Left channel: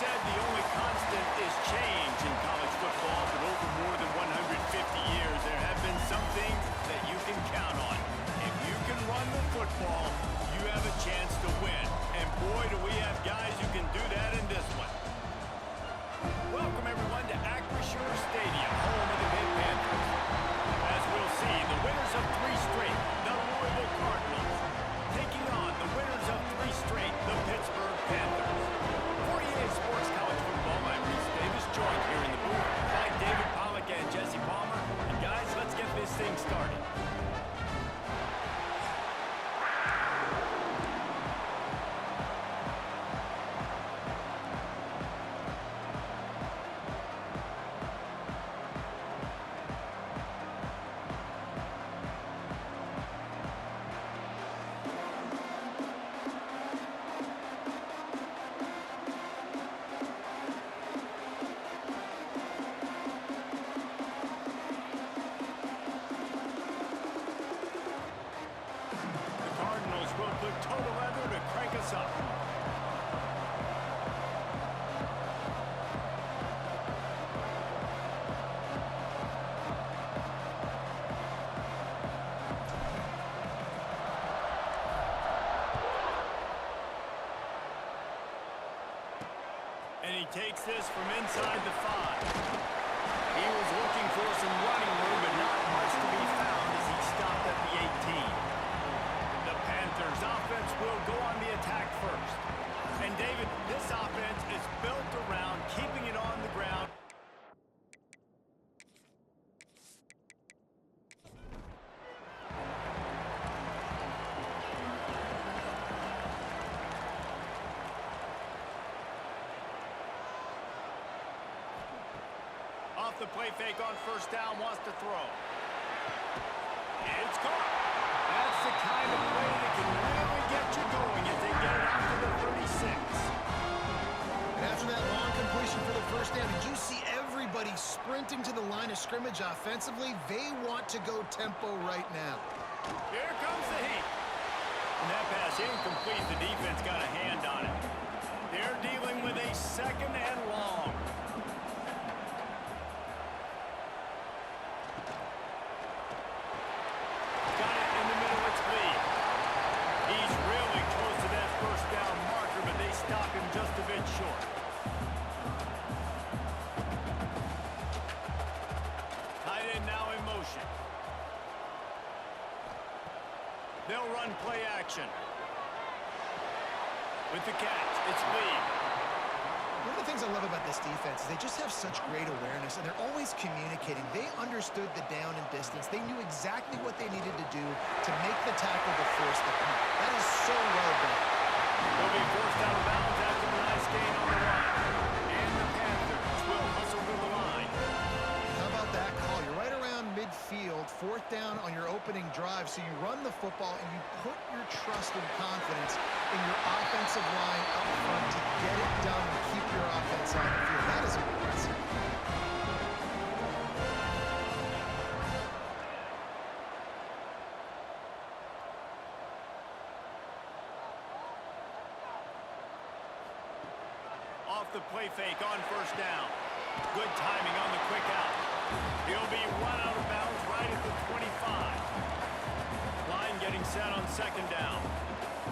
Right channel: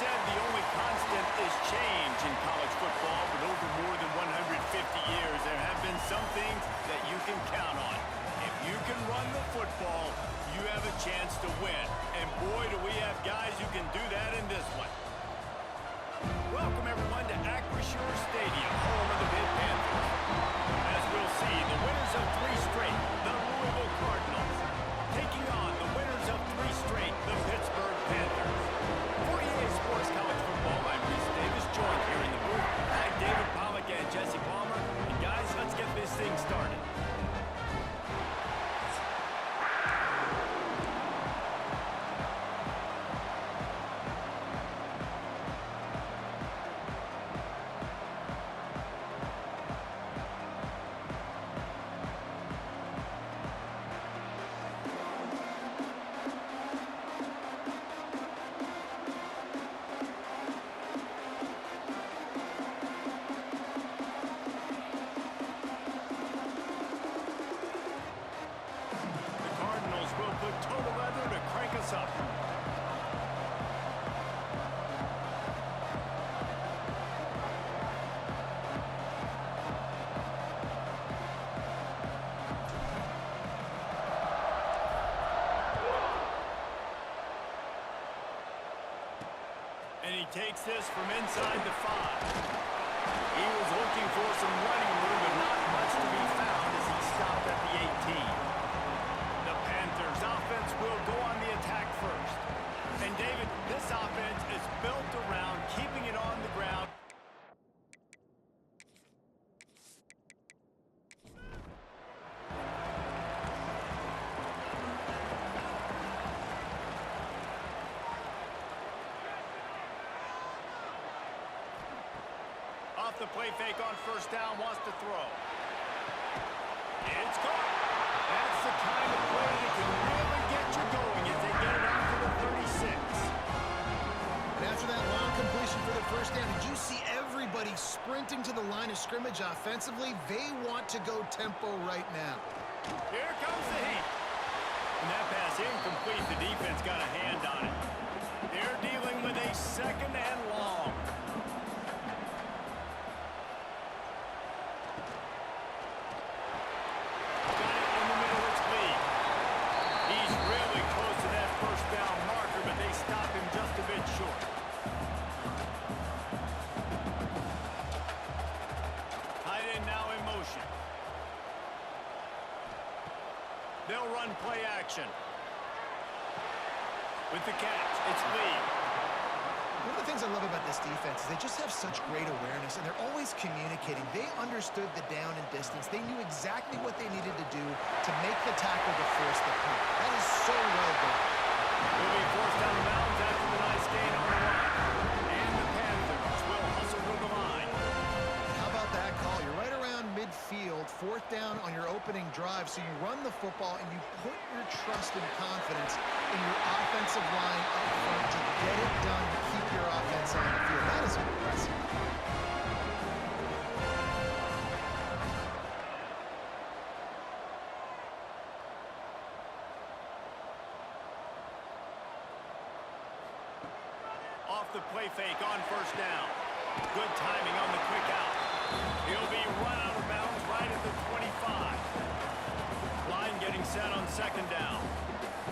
said the only constant is change in college football, but over more than 150 years, there have been some things that you can count on. If you can run the football, you have a chance to win. And boy, do we have guys who can do that in this one. Welcome, everyone, to Acrisure Stadium, home of the Pitt Panthers. As we'll see, the winners of 3 straight, the Louisville Cardinals, taking on the winners of 3 straight, the Pittsburgh Panthers. For EA Sports College Football, I'm Reese Davis, joined here in the booth by David Pollack and Jesse Palmer. And guys, let's get this thing started. Will put total leather to crank us up. And he takes this from inside the 5. He was looking for some running room, but not much to be found as he stopped at the 18. The Panthers offense will go on the attack first. And David, this offense is built around keeping it on the ground. Off the play fake on first down, wants to throw. It's caught. That's the kind of play that can really get you going as they get it out to the 36. And after that long completion for the first down, did you see everybody sprinting to the line of scrimmage offensively? They want to go tempo right now. Here comes the heat. And that pass incomplete. The defense got a hand on it. They're dealing with a 2nd and long. He's really close to that first down marker, but they stop him just a bit short. Tight end now in motion. They'll run play action. With the catch, it's Lee. One of the things I love about this defense is they just have such great awareness, and they're always communicating. They understood the down and distance. They knew exactly what they needed to do to make the tackle to force the punt. That is so well done. They'll be forced out of bounds after the nice gain on the run. And the Panthers will hustle to the line. And how about that call? You're right around midfield, 4th down on your opening drive, so you run the football and you put your trust and confidence in your offensive line up front to get it done and keep your offense on the field. That is impressive. Off the play fake on first down. Good timing on the quick out. He'll be run out of bounds right at the 25. Line getting set on 2nd down.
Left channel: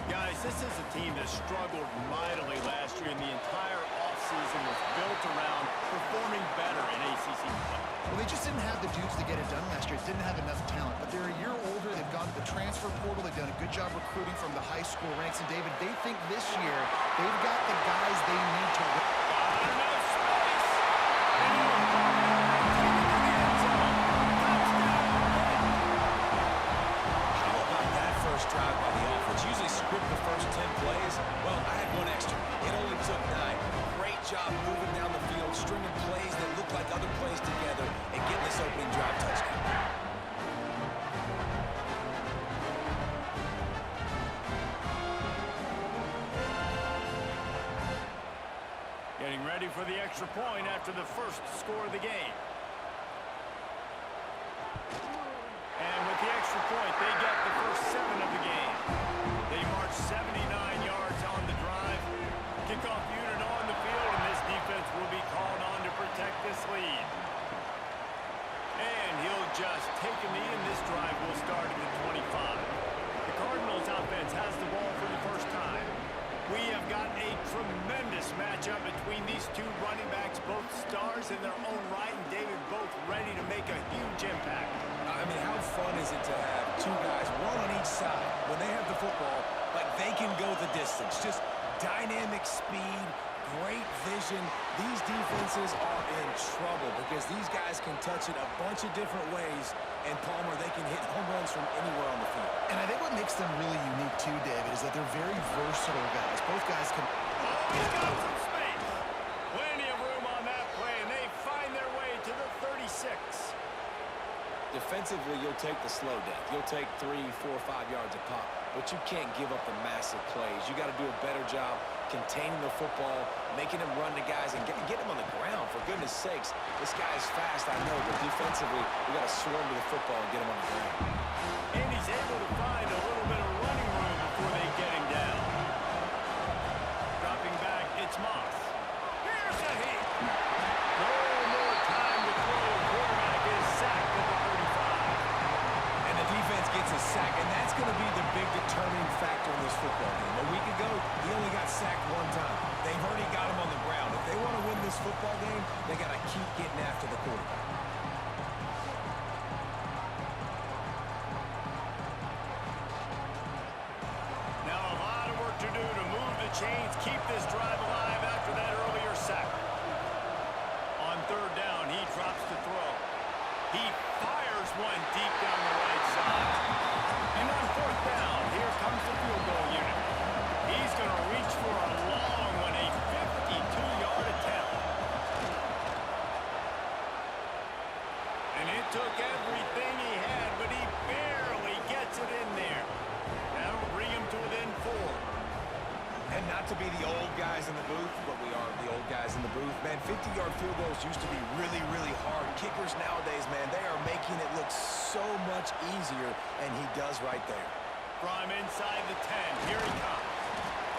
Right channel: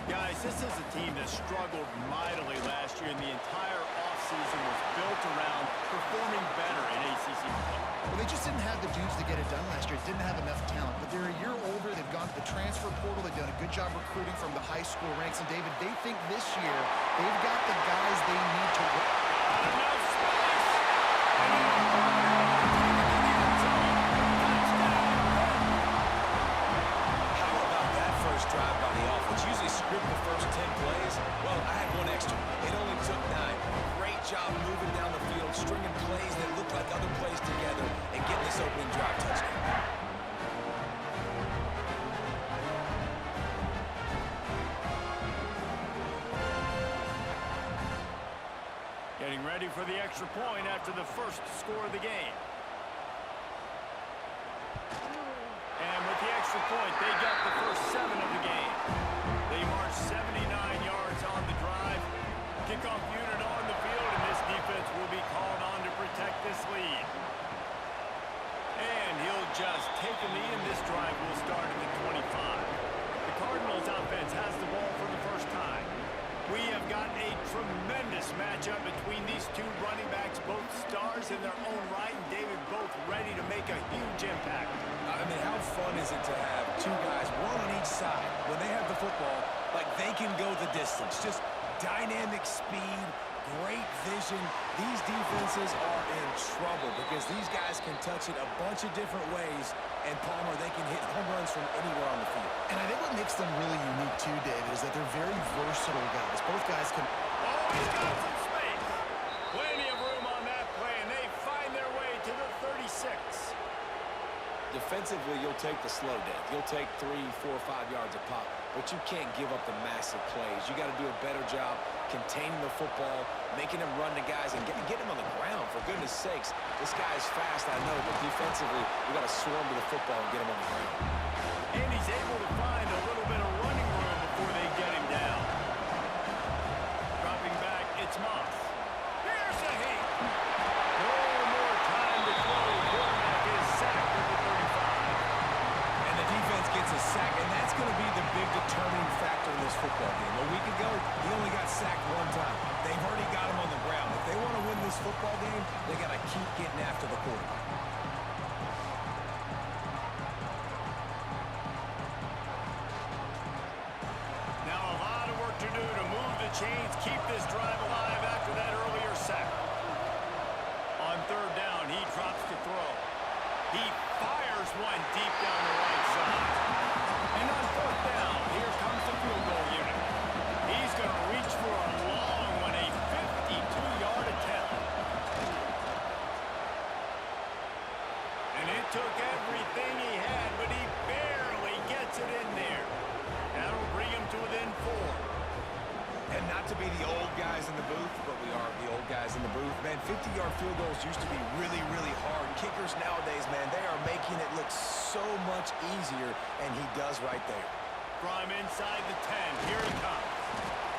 Guys, this is a team that struggled mightily last year, and the entire offseason was built around performing better in ACC play. Well, they just didn't have the dudes to get it done last year. Didn't have enough talent, but they're a year older. They've gone to the transfer portal. They've done a good job recruiting from the high school ranks. And, David, they think this year they've got the guys they need to win. Got enough space. And he'll hold it and take it to the end zone. Touchdown, Pitt. How about that first drive by the offense? Usually script the first 10 plays. Well, I had one extra. It only took 9. Great job moving down the field, stringing plays that look like other plays together, and getting this opening drive touchdown. Getting ready for the extra point after the first score of the game. And with the extra point, they get the first 7 of the game. They march 79 yards on the drive. Kickoff unit on the field, and this this lead. And he'll just take a knee, and this drive will start at the 25. The Cardinals offense has the ball for the first time. We have got a tremendous matchup between these two running backs, both stars in their own right, and David, both ready to make a huge impact. I mean, how fun is it to have two guys, one on each side, when they have the football, like they can go the distance. Just dynamic speed, great vision. These defenses are in trouble because these guys can touch it a bunch of different ways, and Palmer, they can hit home runs from anywhere on the field. And I think what makes them really unique too, David, is that they're very versatile guys. Both guys can... Oh, he's got some space. Plenty of room on that play, and they find their way to the 36. Defensively, you'll take the slow death. You'll take 3, 4, 5 yards a pop, but you can't give up the massive plays. You got to do a better job containing the football, making him run to guys, and get him on the ground. For goodness sakes, this guy is fast, I know, but defensively, we got to swarm to the football and get him on the ground. And he's able to find a little bit of running room before they get him down. Dropping back, it's Moss. Here's a heat. No more time to throw. Quarterback is sacked at the 35. And the defense gets a sack, and that's going to be the big determining factor in this football game. A week ago, he only got sacked one time. They've already got him on the ground. If they want to win this football game, they got to keep getting after the quarterback. Now a lot of work to do to move the chains, keep this drive alive after that earlier sack. On third down, he drops to throw. He fires one deep down the right side. And on fourth down, here comes the field goal unit. He's going to reach for a long one, a 52-yard attempt. And it took everything he had, but he barely gets it in there. That'll bring him to within 4. And not to be the old guys in the booth, but we are the old guys in the booth. Man, 50-yard field goals used to be really, really hard. Kickers nowadays, man, they are making it look so much easier, and he does right there. From inside the 10, here he comes.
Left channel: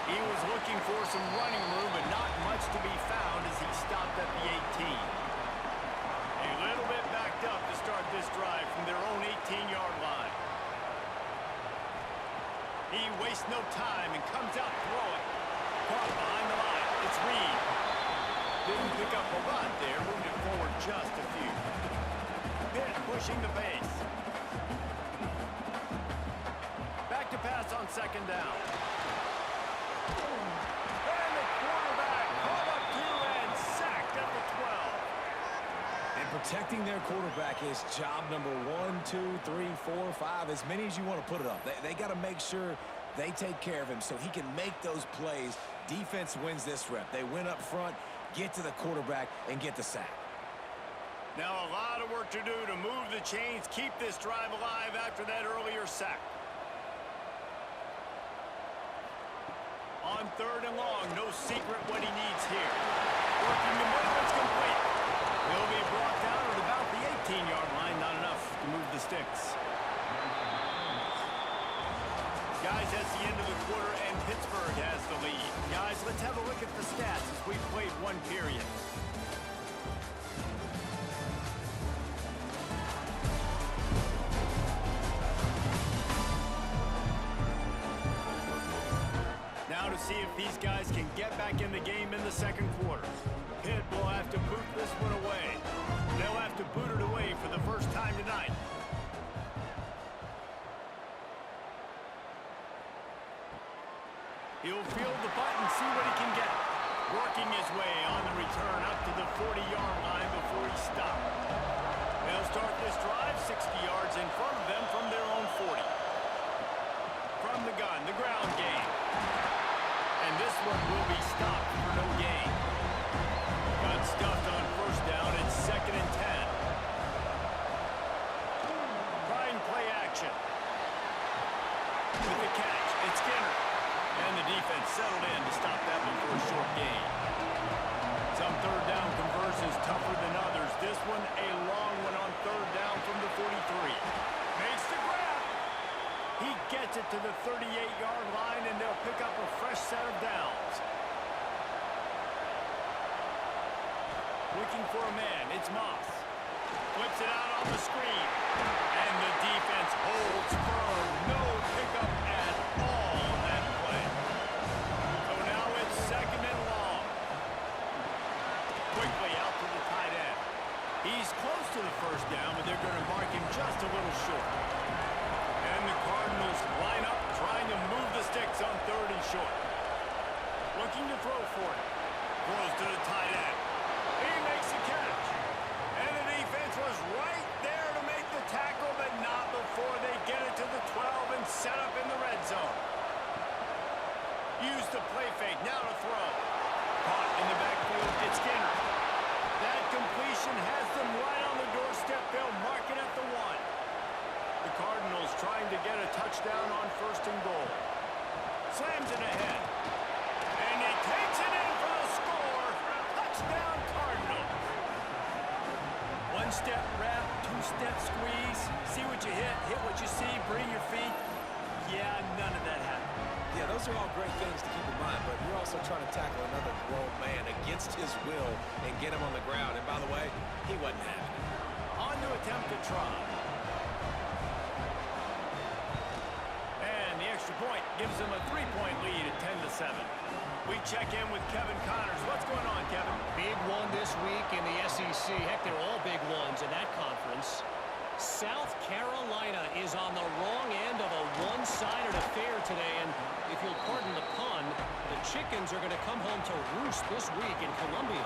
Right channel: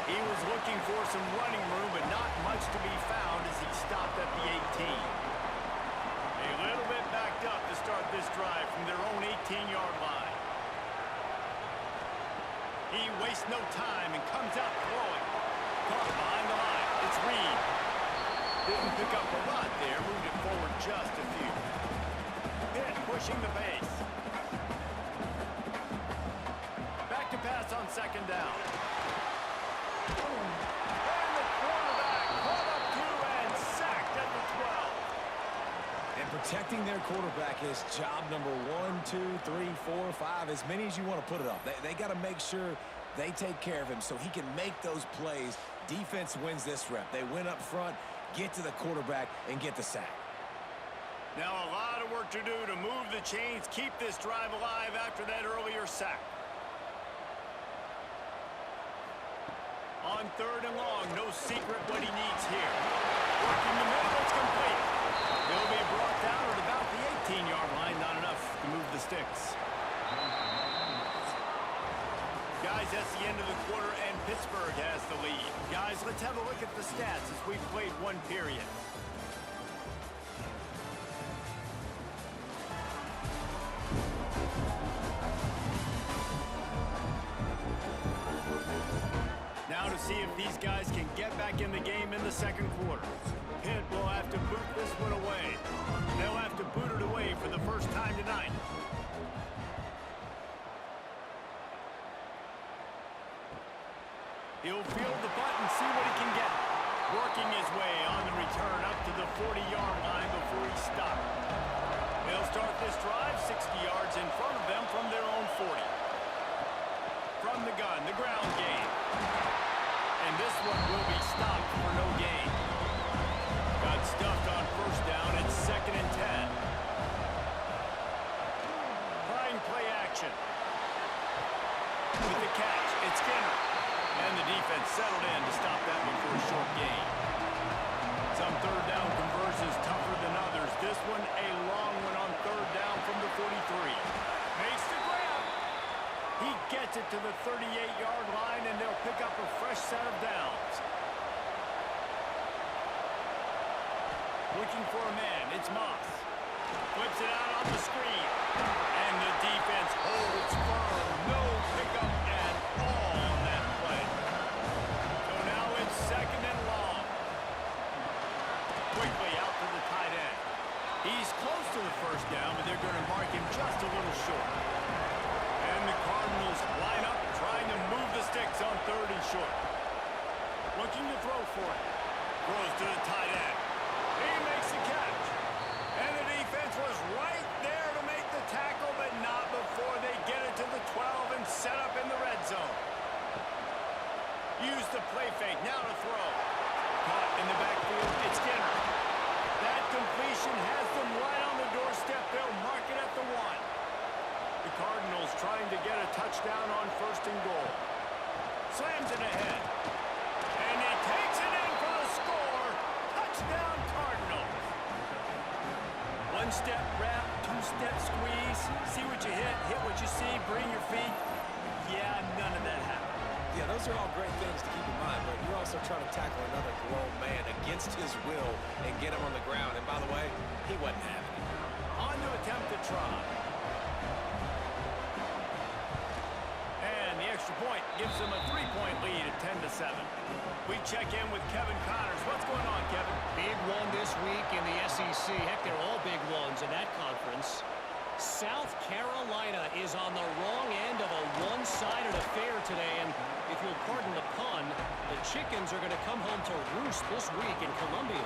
He was looking for some running room, but not much to be found as he stopped at the 18. A little bit backed up to start this drive from their own 18-yard line. He wastes no time and comes out throwing. Caught behind the line. It's Reed. Didn't pick up a lot there. Moved it forward just a few. Pitt pushing the base. Back to pass on second down. And the quarterback caught up to and sacked at the 12. And protecting their quarterback is job number 1, 2, 3, 4, 5, as many as you want to put it up. They got to make sure they take care of him so he can make those plays. Defense wins this rep. They win up front, get to the quarterback, and get the sack. Now a lot of work to do to move the chains, keep this drive alive after that earlier sack. On third and long, no secret what he needs here. Working the middle, it's complete. He'll be brought down at about the 18-yard line, not enough to move the sticks. Guys, that's the end of the quarter, and Pittsburgh has the lead. Guys, let's have a look at the stats as we've played one period. Now to see if these guys can get back in the game in the second quarter. Pitt will have to boot this one away. They'll have to boot it away for the first time tonight. He'll field the punt and see what he can get. Working his way on the return up to the 40-yard line before he stopped. They'll start this drive 60 yards in front of them from their own 40. From the gun, the ground game. And this one will be stopped for no gain. Got stuffed on first down. It's 2nd and 10. Trying play action. With the catch, it's Skinner. And the defense settled in to stop that one for a short gain. Some third down conversions tougher than others. This one a long one on third down from the 43. Makes the grab. He gets it to the 38-yard line, and they'll pick up a fresh set of downs. Looking for a man. It's Moss. Flips it out on the screen. And the defense holds firm. No pickup at all on that play. So now it's second and long. Quickly out to the tight end. He's close to the first down, but they're going to mark him just a little short. And the Cardinals line up, trying to move the sticks on third and short. Looking to throw for it. Throws to the tight end. He makes the catch. And the defense was right there to make the tackle, but not before they get it to the 12 and set up in the red zone. Use the play fake. Now to throw. Caught in the backfield. It's Skinner. That completion has them right on the doorstep. They'll mark it at the 1. The Cardinals trying to get a touchdown on first and goal. Slams it ahead. And he takes it in for the score. Touchdown Cardinals. One-step wrap, two-step squeeze. See what you hit what you see, bring your feet. Yeah, none of that happened. Yeah, those are all great things to keep in mind, but you're also trying to tackle another grown man against his will and get him on the ground. And by the way, he wasn't having it. On to attempt the try. And the extra point gives them a 3-point lead at 10-7. We check in with Kevin Connors. What's going on, Kevin? Big one this week in the SEC. Heck, they're all big ones in that conference. South Carolina is on the wrong end of a one-sided affair today, and if you'll pardon the pun, the chickens are going to come home to roost this week in Columbia.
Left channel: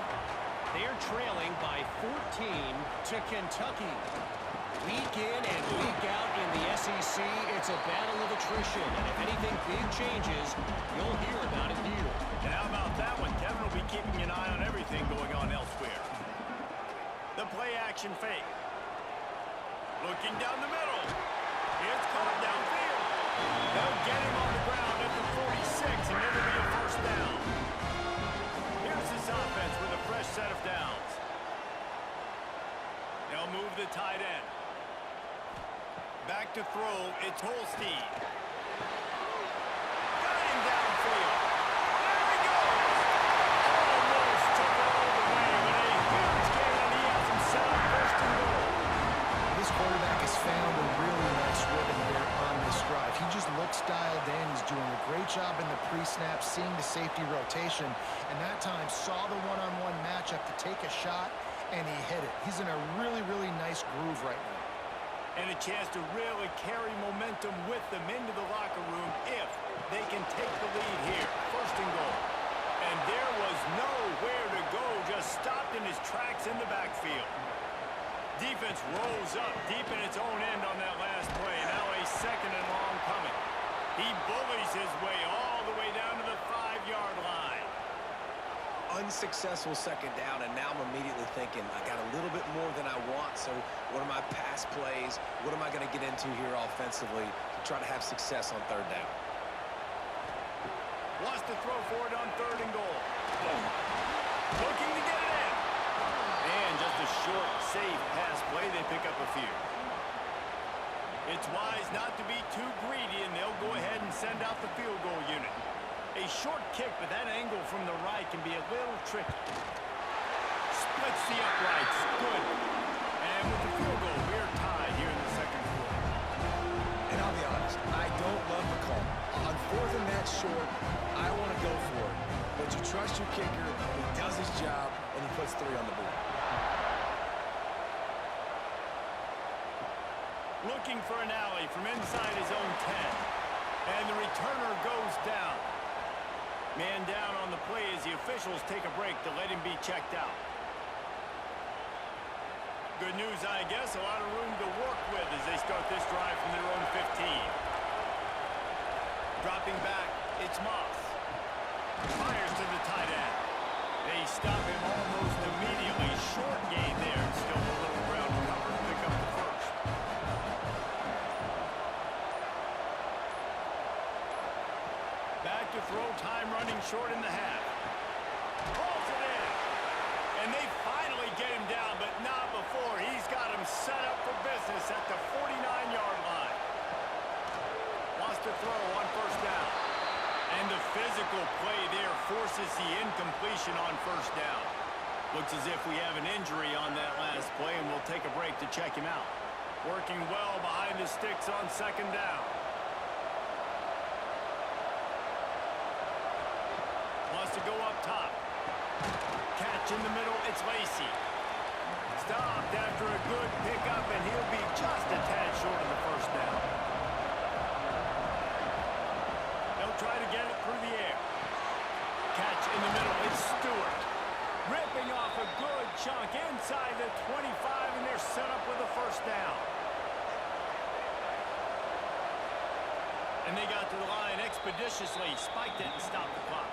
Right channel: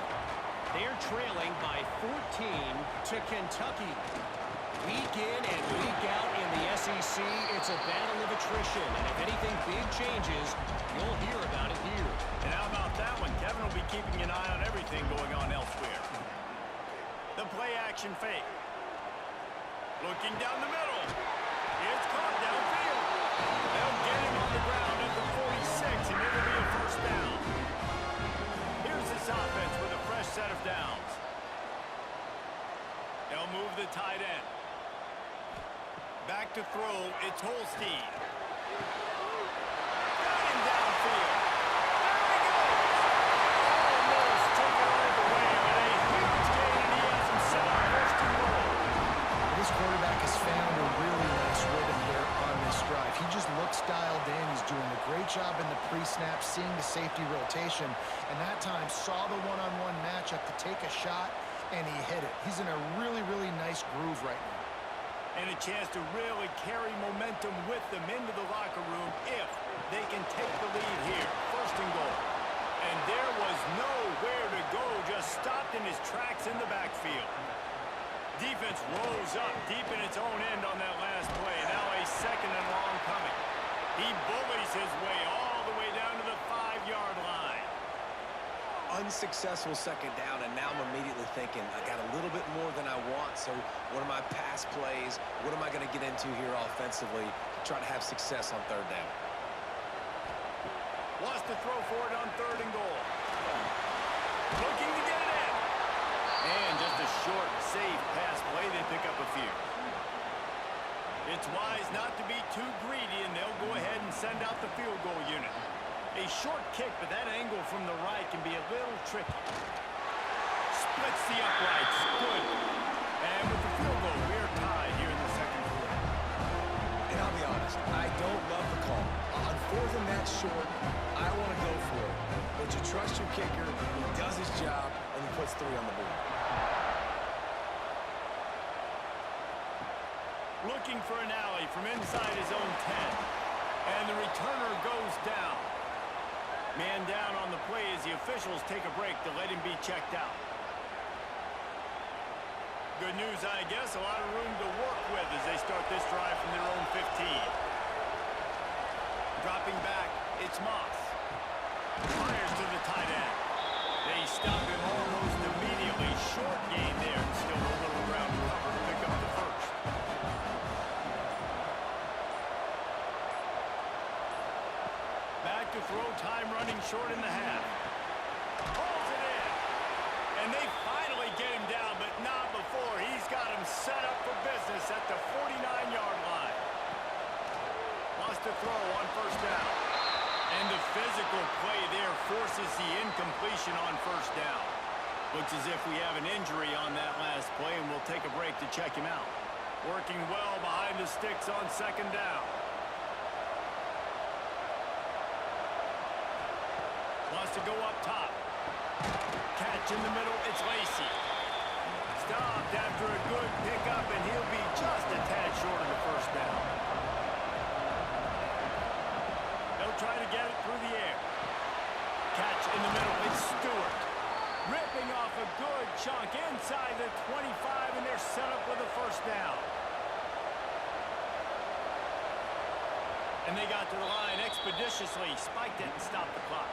They're trailing by 14 to Kentucky. Week in and week out in the SEC, it's a battle of attrition, and if anything big changes, you'll hear about it here. And how about that one? Kevin will be keeping an eye on everything going on elsewhere. The play action fake. Looking down the middle. It's caught downfield. They'll get him on the ground at the 46, and it'll be a first down. Here's this offense with a fresh set of downs. They'll move the tight end. Back to throw. It's Holstein. Got him downfield. There he goes. Almost took it all the way, but a huge gain, and he has him set up first and goal. This quarterback has found a really nice rhythm here on this drive. He just looks dialed in. He's doing a great job in the pre-snap, seeing the safety rotation, and that time saw the one-on-one matchup to take a shot, and he hit it. He's in a really, really nice groove right now. And a chance to really carry momentum with them into the locker room if they can take the lead here. First and goal. And there was nowhere to go, just stopped in his tracks in the backfield. Defense rose up deep in its own end on that last play. Now a second and long coming. He bullies his way all the way down to the 5-yard line. Unsuccessful second down, and now I'm immediately thinking, I got a little bit more than I want, so what are my pass plays? What am I going to get into here offensively to try to have success on third down? Wants to throw for it on third and goal. Looking to get it in. And just a short, safe pass play. They pick up a few. It's wise not to be too greedy, and they'll go ahead and send out the field goal unit. A short kick, but that angle from the right can be a little tricky. Splits the uprights. Good. And with the field goal, we're tied here in the second quarter. And I'll be honest, I don't love the call. On fourth and that short, I want to go for it. But you trust your kicker, he does his job, and he puts 3 on the board. Looking for an alley from inside his own 10. And the returner goes down. Man down on the play as the officials take a break to let him be checked out. Good news, I guess. A lot of room to work with as they start this drive from their own 15. Dropping back, it's Moss. Fires to the tight end. They stop him almost immediately. Short gain there, and still a little ground cover to pick up the first. Back to throw, time running short in the half. Pulls it in. And they finally get him down, but not before. He's got him set up for business at the 49-yard line. Wants to throw on first down. And the physical play there forces the incompletion on first down. Looks as if we have an injury on that last play, and we'll take a break to check him out. Working well behind the sticks on second down. Wants to go up top. Catch in the middle, it's Lacey. Stopped after a good pickup, and he'll be just a tad short of the first down. They'll try to get it through the air. Catch in the middle, it's Stewart. Ripping off a good chunk inside the 25, and they're set up with a first down. And they got to the line expeditiously, spiked it and stopped the clock.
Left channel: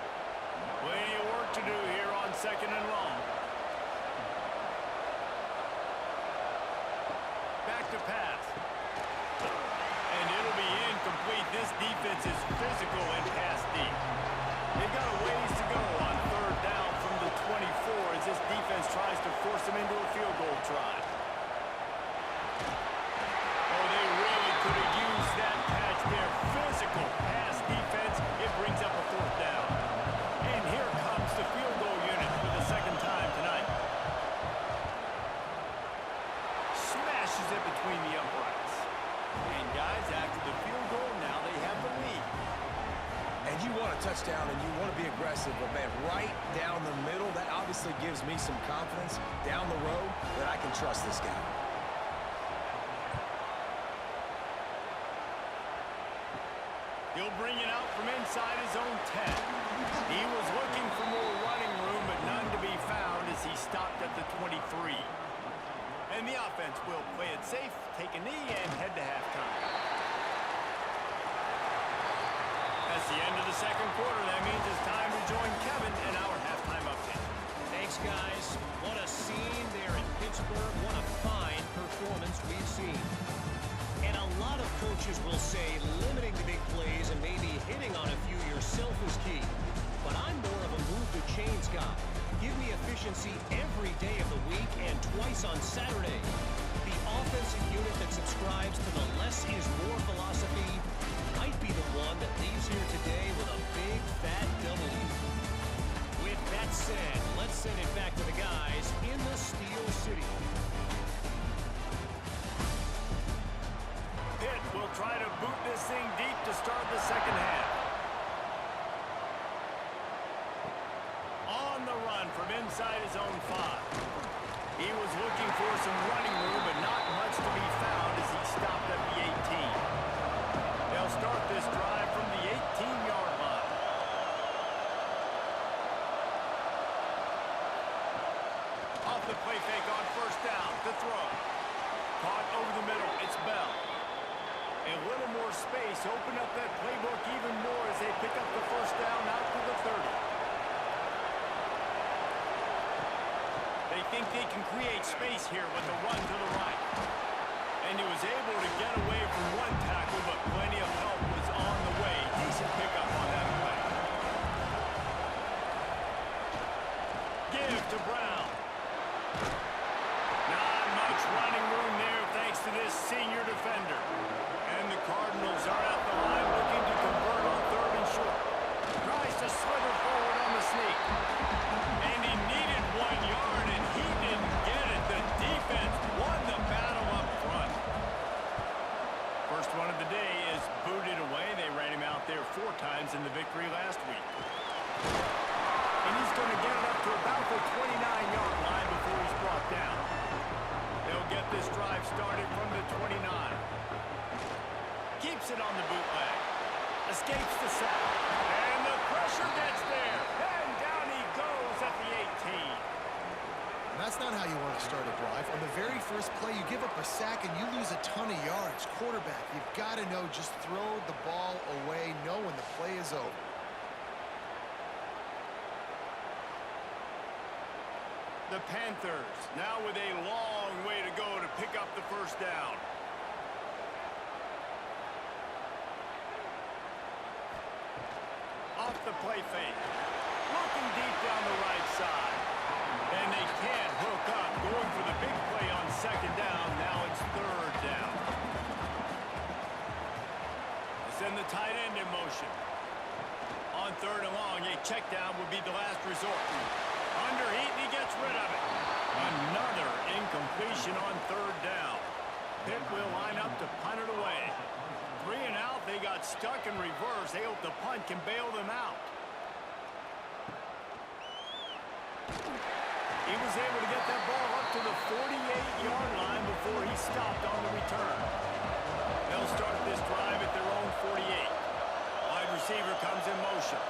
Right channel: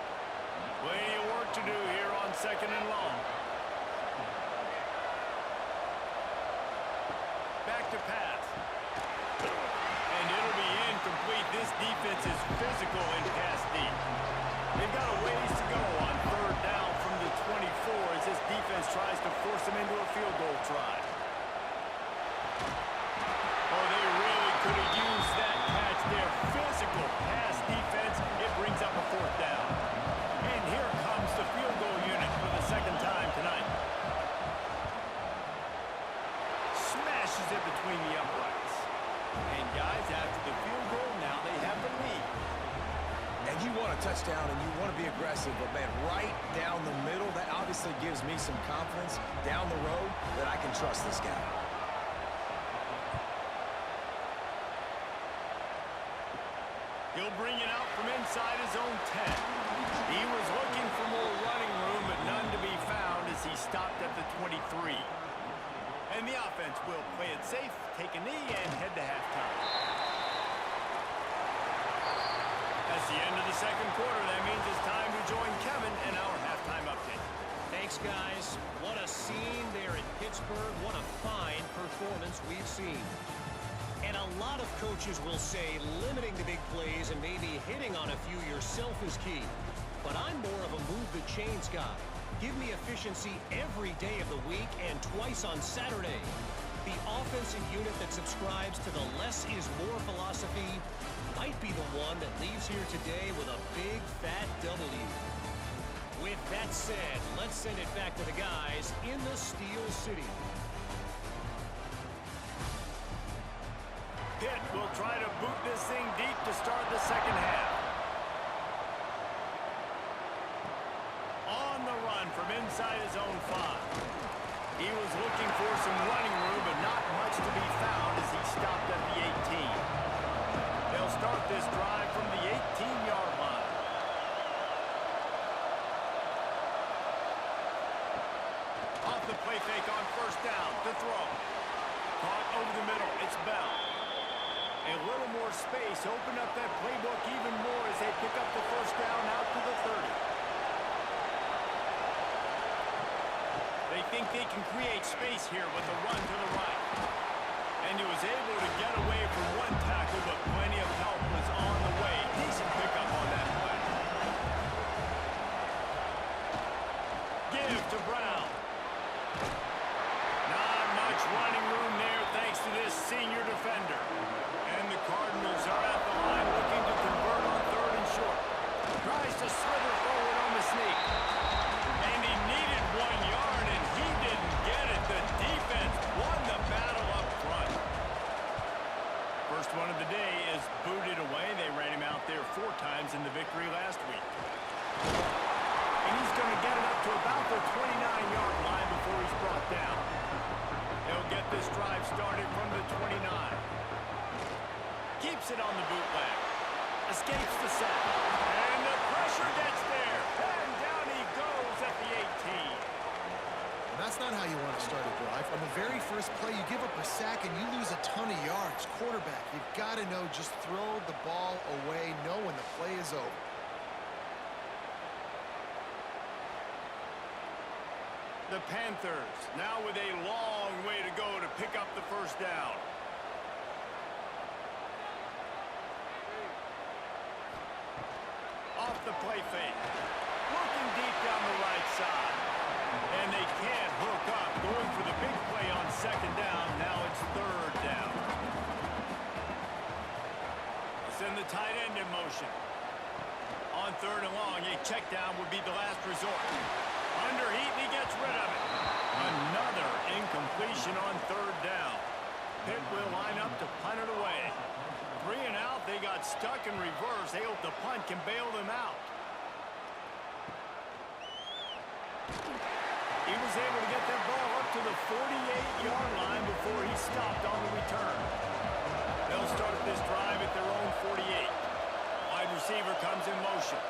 Plenty of work to do here on second and long. Back to pass. And it'll be incomplete. This defense is physical and pass deep. They've got a ways to go on third down from the 24 as this defense tries to force them into a field goal try. Oh, they really could have used that catch there. Physical pass defense. It brings up a fourth down. And here comes the field goal unit for the second time tonight. Smashes it between the uprights. And guys, after the field goal, now they have the lead. And you want a touchdown and you want to be aggressive, but man, right down the middle, that obviously gives me some confidence down the road that I can trust this guy. He'll bring it out from inside his own 10. He was looking for more running room, but none to be found as he stopped at the 23. And the offense will play it safe, take a knee, and head to halftime. That's the end of the second quarter. That means it's time to join Kevin in our halftime update. Thanks, guys. What a scene there in Pittsburgh. What a fine performance we've seen. And a lot of coaches will say limiting the big plays and maybe hitting on a few yourself is key. But I'm more of a move the chains guy. Give me efficiency every day of the week and twice on Saturday. The offensive unit that subscribes to the less is more philosophy might be the one that leaves here today with a big fat W. With that said, let's send it back to the guys in the Steel City. Pitt will try to boot this thing deep to start the second half. On the run from inside his own 5. He was looking for some running room, but not much to be found as he stopped at the 18. They'll start this drive from the 18-yard line. Off the play fake on first down. The throw. Caught over the middle. It's Bell. A little more space. Open up that playbook even more as they pick up the first down out to the 30. They think they can create space here with a run to the right. And he was able to get away from one tackle, but plenty of help was on the way. Decent pickup on that play. Give to Brown. Not much running room there thanks to this senior defender. And the Cardinals are at the line looking to convert on third and short. Tries to slither forward on the sneak. And he needed 1 yard, and he didn't get it. The defense won the battle up front. First one of the day is booted away. They ran him out there 4 times in the victory last week. And he's going to get it up to about the 29-yard line before he's brought down. They'll get this drive started from the 29. Keeps it on the bootleg. Escapes the sack. And the pressure gets there. And down he goes at the 18. And that's not how you want to start a drive. On the very first play, you give up a sack and you lose a ton of yards. Quarterback, you've got to know, just throw the ball away, know when the play is over. The Panthers now with a long way to go to pick up the first down. Off the play fake. Looking deep down the right side. And they can't hook up. Going for the big play on second down. Now it's third down. They'll send the tight end in motion. On third and long, a check down would be the last resort. Under heat, and he gets rid of completion on third down. Pitt will line up to punt it away. 3 and out. They got stuck in reverse. They hope the punt can bail them out. He was able to get that ball up to the 48-yard line before he stopped on the return. They'll start this drive at their own 48. Wide receiver comes in motion.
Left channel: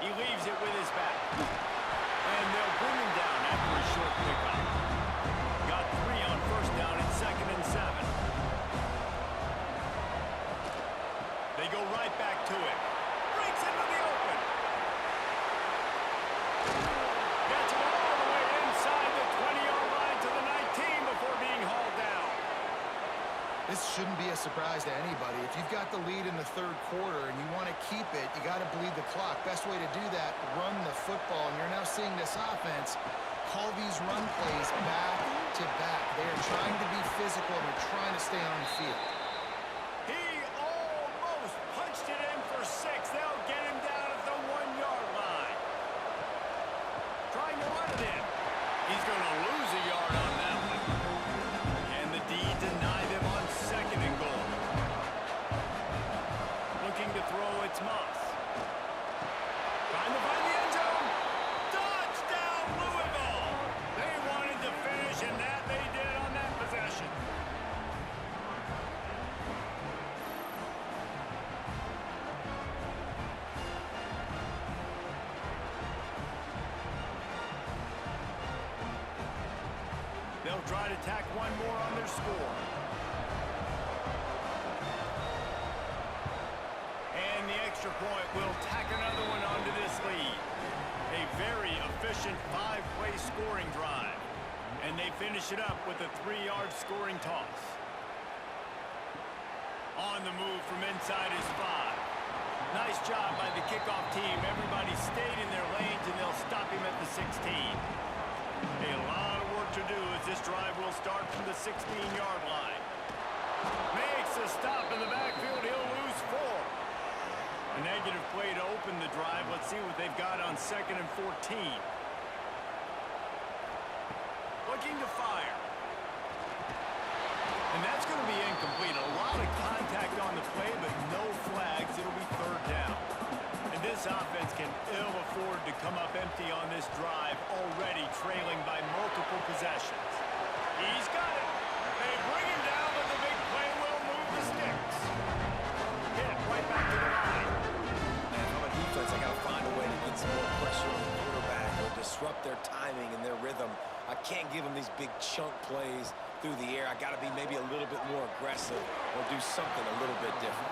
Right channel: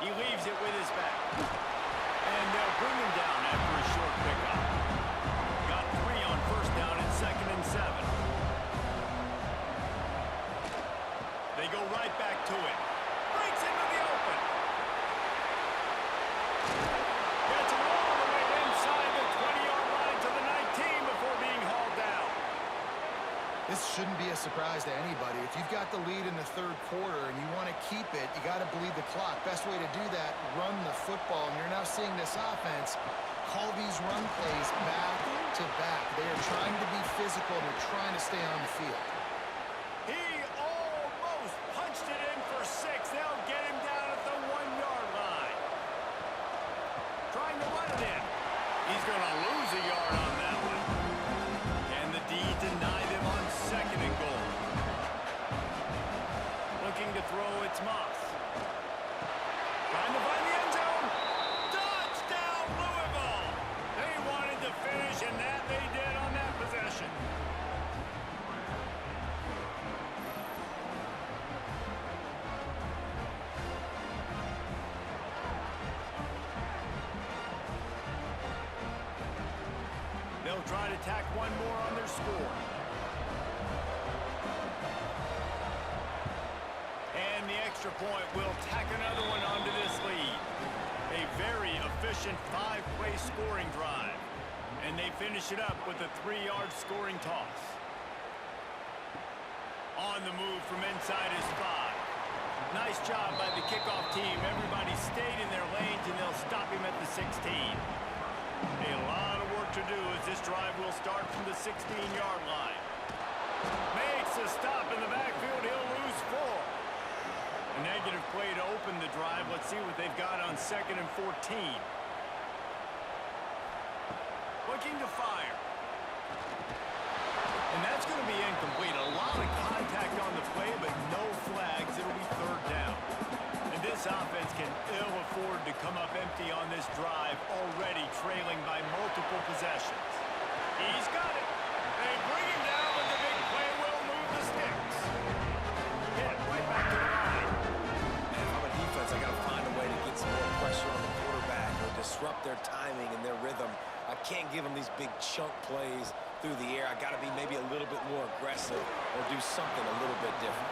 He leaves it with his back. And they'll bring him down after a short pickup. Got 3 on first down and 2nd and 7. They go right back to it. Breaks into the open. Gets it all the way inside the 20-yard line to the 19 before being hauled down. This shouldn't be a surprise to anybody. If you've got the lead in the third quarter and you want to keep it, you got to bleed the clock. Best way to do that, run the football. And you're now seeing this offense call these run plays back to back. They are trying to be physical and they're trying to stay on the field. He almost punched it in for 6. They'll get him down at the 1-yard line. Trying to run it in. He's going to lose a yard on that one. Can the D deny them on 2nd and goal? Looking to throw, it's Moss. Trying to find the end zone. Touchdown, Louisville! They wanted to finish, and that they did on that possession. They'll try to tack one more on their score. And the extra point will tack another one onto this lead. A very efficient 5-play scoring drive. And they finish it up with a 3-yard scoring toss. On the move from inside his 5. Nice job by the kickoff team. Everybody stayed in their lanes, and they'll stop him at the 16. A lot of work to do as this drive will start from the 16-yard line. Makes a stop in the backfield. He'll lose 4. A negative play to open the drive. Let's see what they've got on 2nd and 14. Looking to fire. And that's going to be incomplete. A lot of contact on the play, but no flags. It'll be 3rd down. And this offense can ill afford to come up empty on this drive, already trailing by multiple possessions. He's got it. They bring him down, but the big play will move the sticks. Hit right back to the line. Man, if I'm a defense, I got to find a way to get some more pressure on the quarterback or disrupt their timing and their rhythm. I can't give them these big chunk plays through the air. I got to be maybe a little bit more aggressive or do something a little bit different.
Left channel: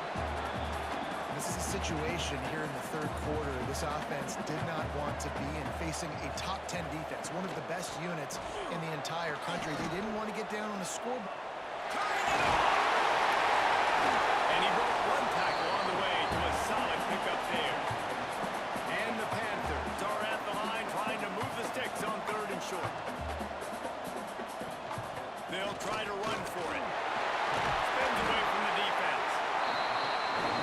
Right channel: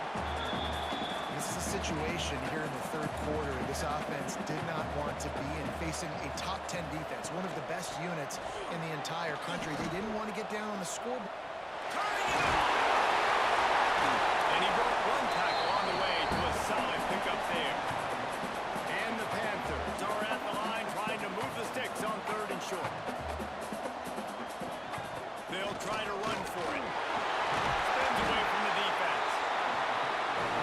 This is a situation here in the third quarter this offense did not want to be in, facing a top 10 defense, one of the best units in the entire country. They didn't want to get down on the scoreboard. Turning it on! And he broke 1 tackle on the way to a solid pickup there. And the Panthers are at the line trying to move the sticks on 3rd and short. They'll try to run for it. Spins away from the defense.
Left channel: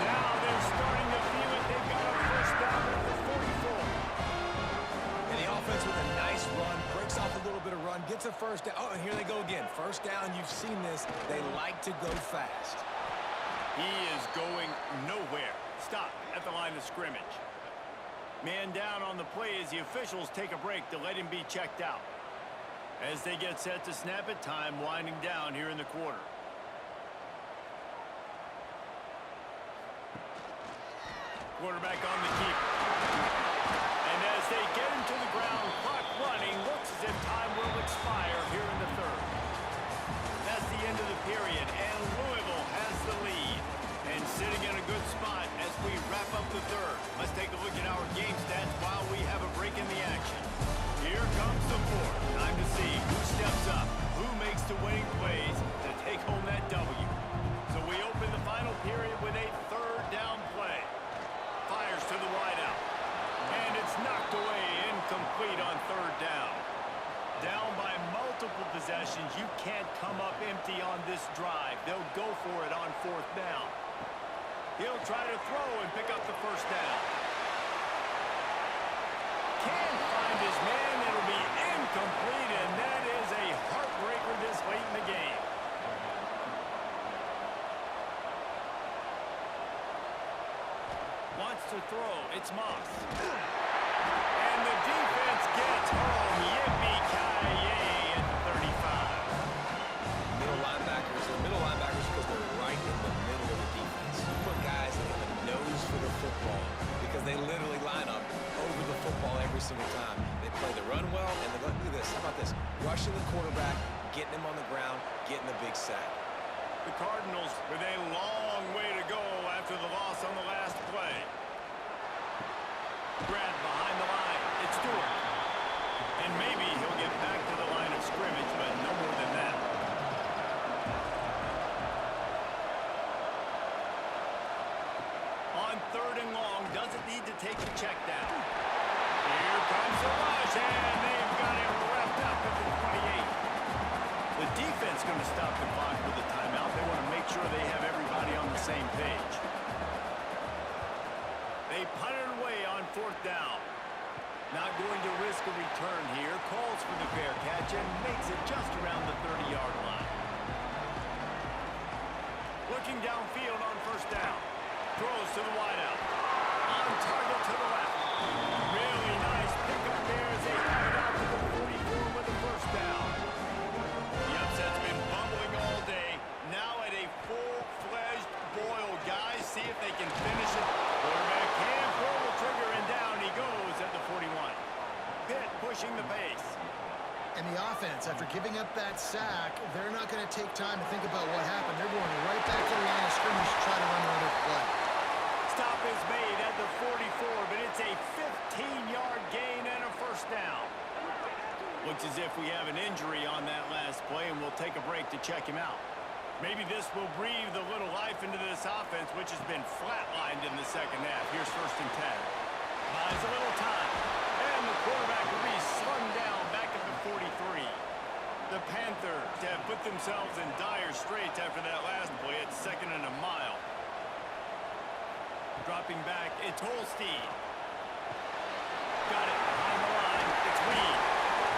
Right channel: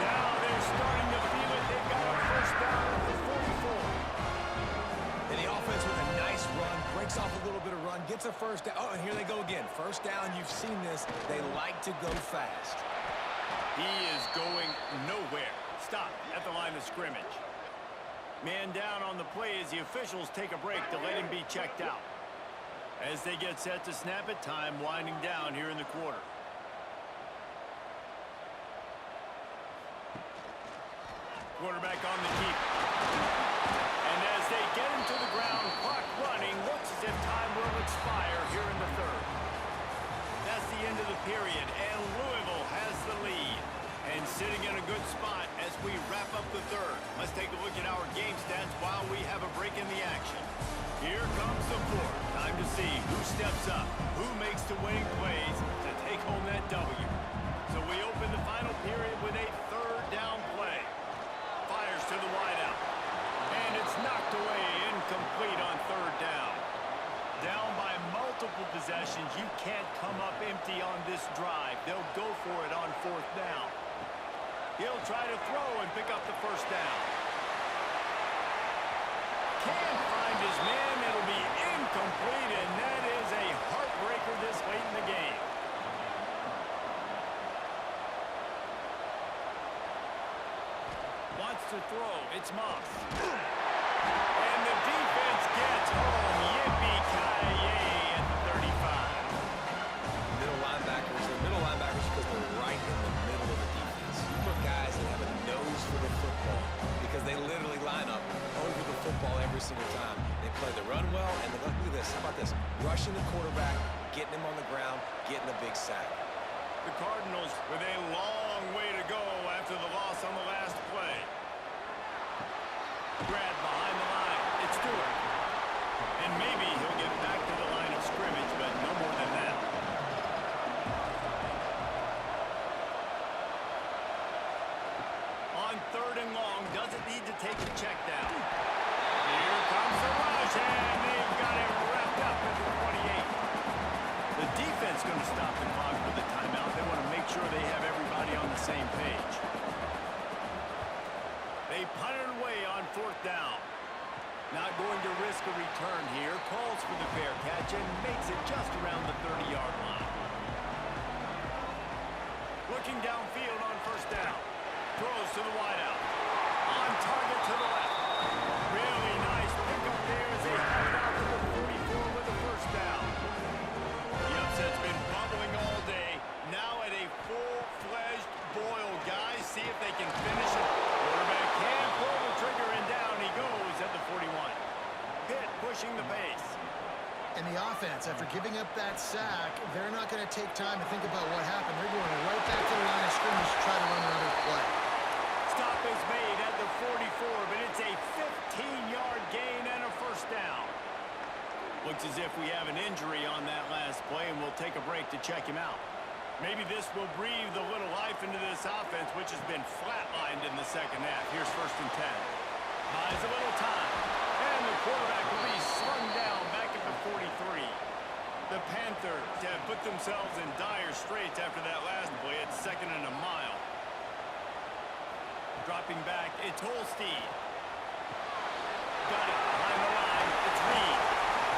Now they're starting to feel it. They've got a first down at the 44. And the offense with a nice run, breaks off a little bit of run, gets a first down. Oh, and here they go again. First down, you've seen this. They like to go fast. He is going nowhere. Stop at the line of scrimmage. Man down on the play as the officials take a break to let him be checked out. As they get set to snap it, time winding down here in the quarter. Quarterback on the keeper. And as they get him to the ground, clock running, looks as if time will expire here in the 3rd. That's the end of the period, and Louisville has the lead. And sitting in a good spot as we wrap up the 3rd. Let's take a look at our game stats while we have a break in the action. Here comes the 4th. Time to see who steps up, who makes the winning plays to take home that W. So we open the final period with a 3rd down play. Fires to the wideout. And it's knocked away, incomplete on 3rd down. Down by multiple possessions. You can't come up empty on this drive. They'll go for it on 4th down. He'll try to throw and pick up the first down. Can't find his man. It'll be incomplete, and that is a heartbreaker. It's Moss. And the defense gets home. Yippee-ki-yay at the 35. Middle linebackers, they're middle linebackers because they're right in the middle of the defense. You put guys that have a nose for the football because they literally line up over the football every single time. They play the run well, and look at this. How about this? Rushing the quarterback, getting him on the ground, getting a big sack. The Cardinals with a long way to go after the loss on the last play. Grab behind the line. It's Stewart. And maybe he'll get back to the line of scrimmage, but no more than that. On 3rd and long, doesn't need to take the check down. Here comes the rush, and they've got him wrapped up at the 28. The defense going to stop the clock with a timeout. They want to make sure they have everybody on the same page. They punt it away on 4th down. Not going to risk a return here. Calls for the fair catch and makes it just around the 30-yard line. Looking downfield on 1st down. Throws to the wideout. On target to the left. Really nice pickup there as they have it out to the 44 with the 1st down. The upset's been bubbling all day. Now at a full-fledged boil. Guys, see if they can finish it. Quarterback can pull the trigger, and down he goes at the 41. Pitt pushing the pace. And the offense, after giving up that sack, they're not going to take time to think about what happened. They're going right back to the line of scrimmage to try to run another play. Stop is made at the 44, but it's a 15-yard gain and a 1st down. Looks as if we have an injury on that last play, and we'll take a break to check him out. Maybe this will breathe a little life into this offense, which has been flatlined in the 2nd half. Here's 1st and 10. Buys a little time. And the quarterback will be slung down back at the 43. The Panthers have put themselves in dire straits after that last play. It's 2nd and a mile. Dropping back, it's Holstein. Got it behind the line. It's Reed.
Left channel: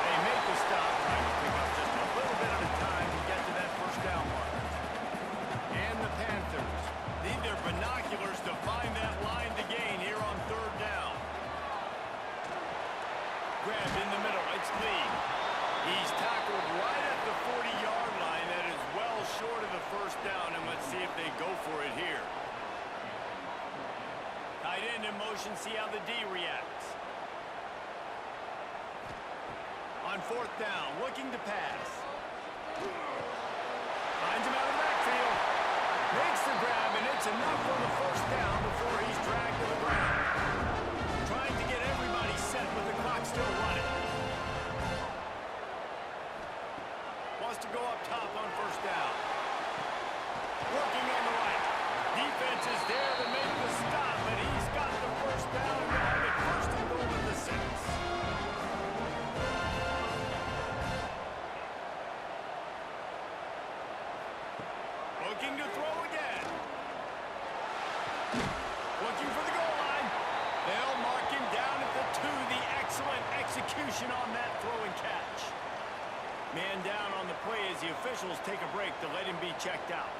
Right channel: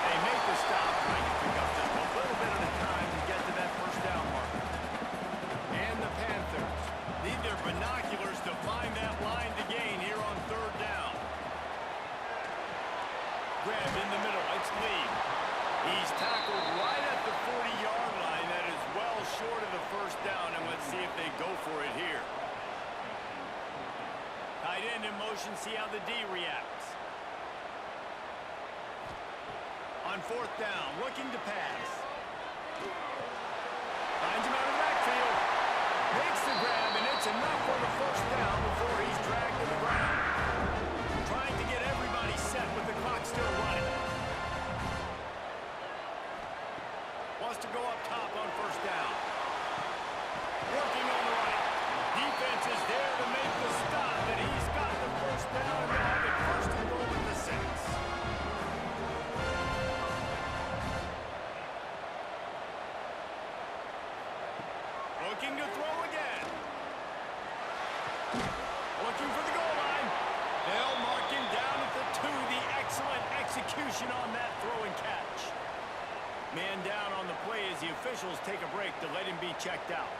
They make the stop, trying to pick up just a little bit at a time to get to that 1st down marker. And the Panthers need their binoculars to find that line to gain here on 3rd down. Grabbed in the middle, it's Lee. He's tackled right at the 40-yard line. That is well short of the 1st down, and let's see if they go for it here. Tight end in motion, see how the D reacts. On 4th down, looking to pass. Finds him out of the backfield. Makes the grab, and it's enough for the 1st down before he's dragged to the ground. Trying to get everybody set with the clock still running. Wants to go up top on 1st down. Working on the right. Defense is there to make the stop, but he's got the 1st down, and they'll have it 1st and goal at the 6. Looking to throw again. Looking for the goal line. They'll mark him down at the 2. The excellent execution on that throw and catch. Man down on the play as the officials take a break to let him be checked out.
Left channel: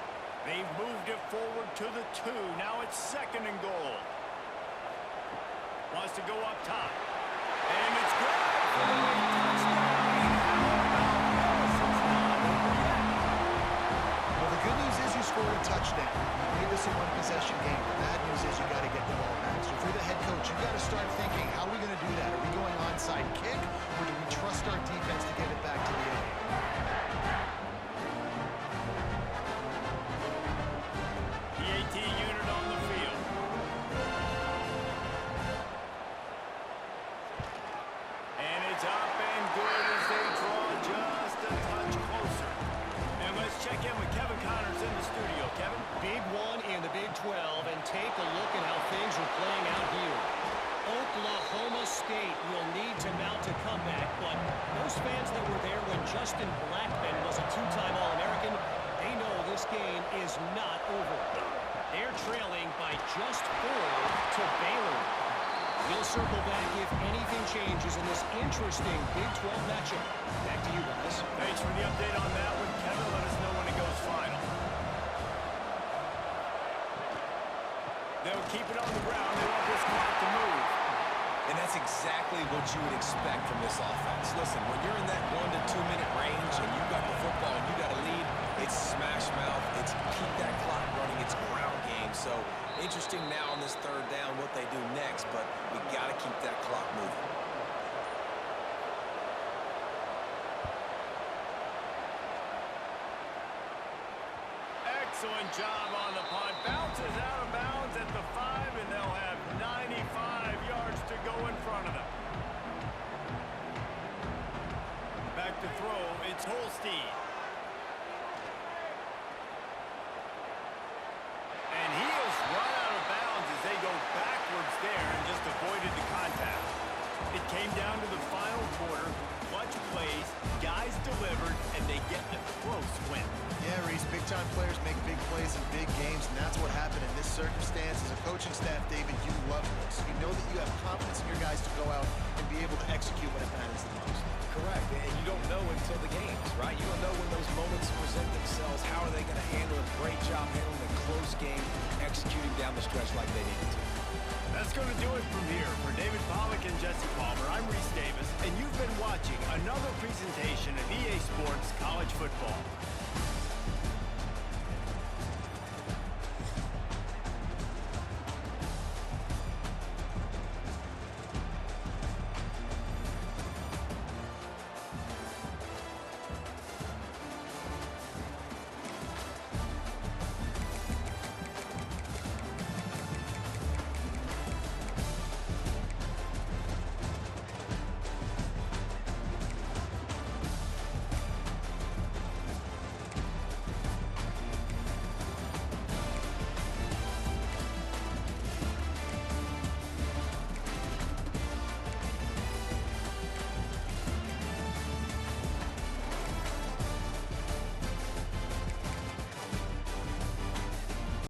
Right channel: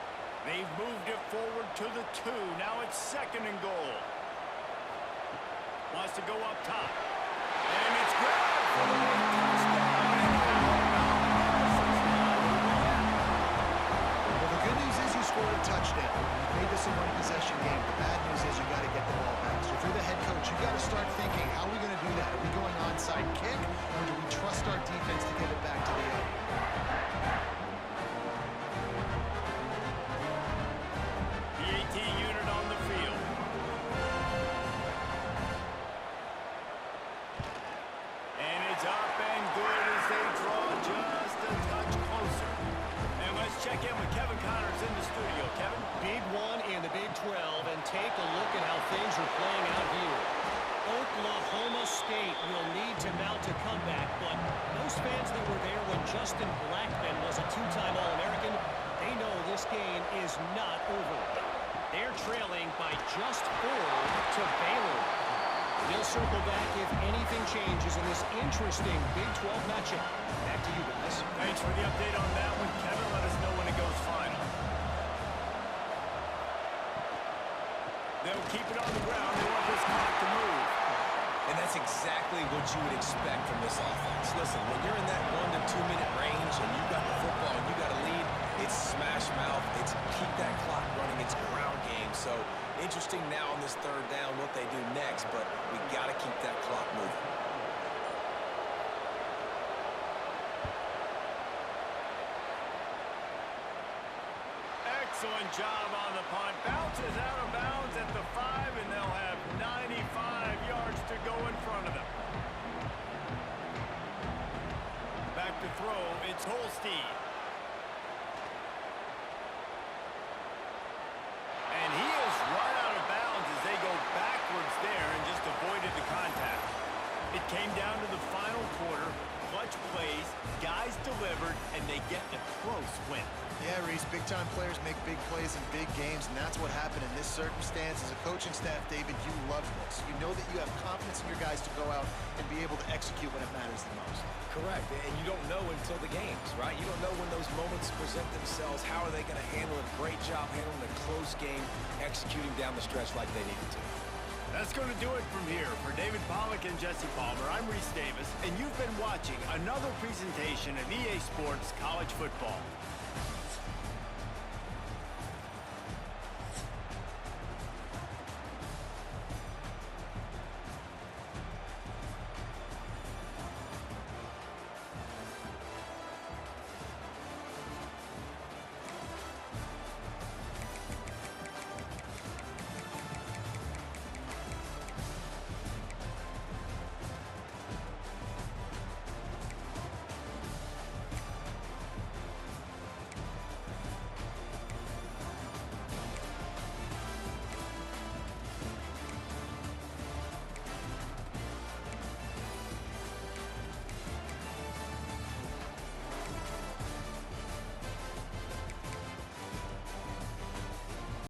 They've moved it forward to the 2. Now it's 2nd and goal. Wants to go up top. And it's grabbed for the late touchdown. And how about this? It's not over yet. Well, the good news is you scored a touchdown. You've made this a one-possession game. The bad news is you got to get the ball back. So if you're the head coach, you've got to start thinking, how are we going to do that? Are we going onside kick, or do we trust our defense to give it back to the O? PAT unit on the field. And it's up and good as they draw just a touch closer. And let's check in with Kevin Connors in the studio. Kevin? Big one in the Big 12, and take a look at how things are playing out here. Oklahoma State will need to mount a comeback, but those fans that were there when Justin Blackmon was a 2-time All-American, they know this game is not over. They're trailing by just 4 to Baylor. We'll circle back if anything changes in this interesting Big 12 matchup. Back to you guys. Thanks for the update on that one, Kevin. Let us know when it goes final. They'll keep it on the ground. They want this clock to move. And that's exactly what you would expect from this offense. Listen, when you're in that 1 to 2 minute range and you got the football and you got a lead, it's smash mouth. It's keep that clock running. It's ground game. So interesting now on this third down what they do next, but we got to keep that clock moving. Excellent job on the punt. Bounces out of bounds at the 5, and they'll have 95 yards to go in front of them. Back to throw, it's Holstein. And he is run out of bounds as they go backwards there and just avoided the contact. It came down to the final quarter. Clutch plays, guys delivered, and they get a close win. Yeah, Reese, big-time players make big plays in big games, and that's what happened in this circumstance. As a coaching staff, David, you love this. You know that you have confidence in your guys to go out and be able to execute when it matters the most. Correct, and you don't know until the games, right? You don't know when those moments present themselves. How are they going to handle it? Great job handling a close game, executing down the stretch like they needed to. That's going to do it from here. For David Pollack and Jesse Palmer, I'm Reese Davis, and you've been watching another presentation of EA Sports College Football.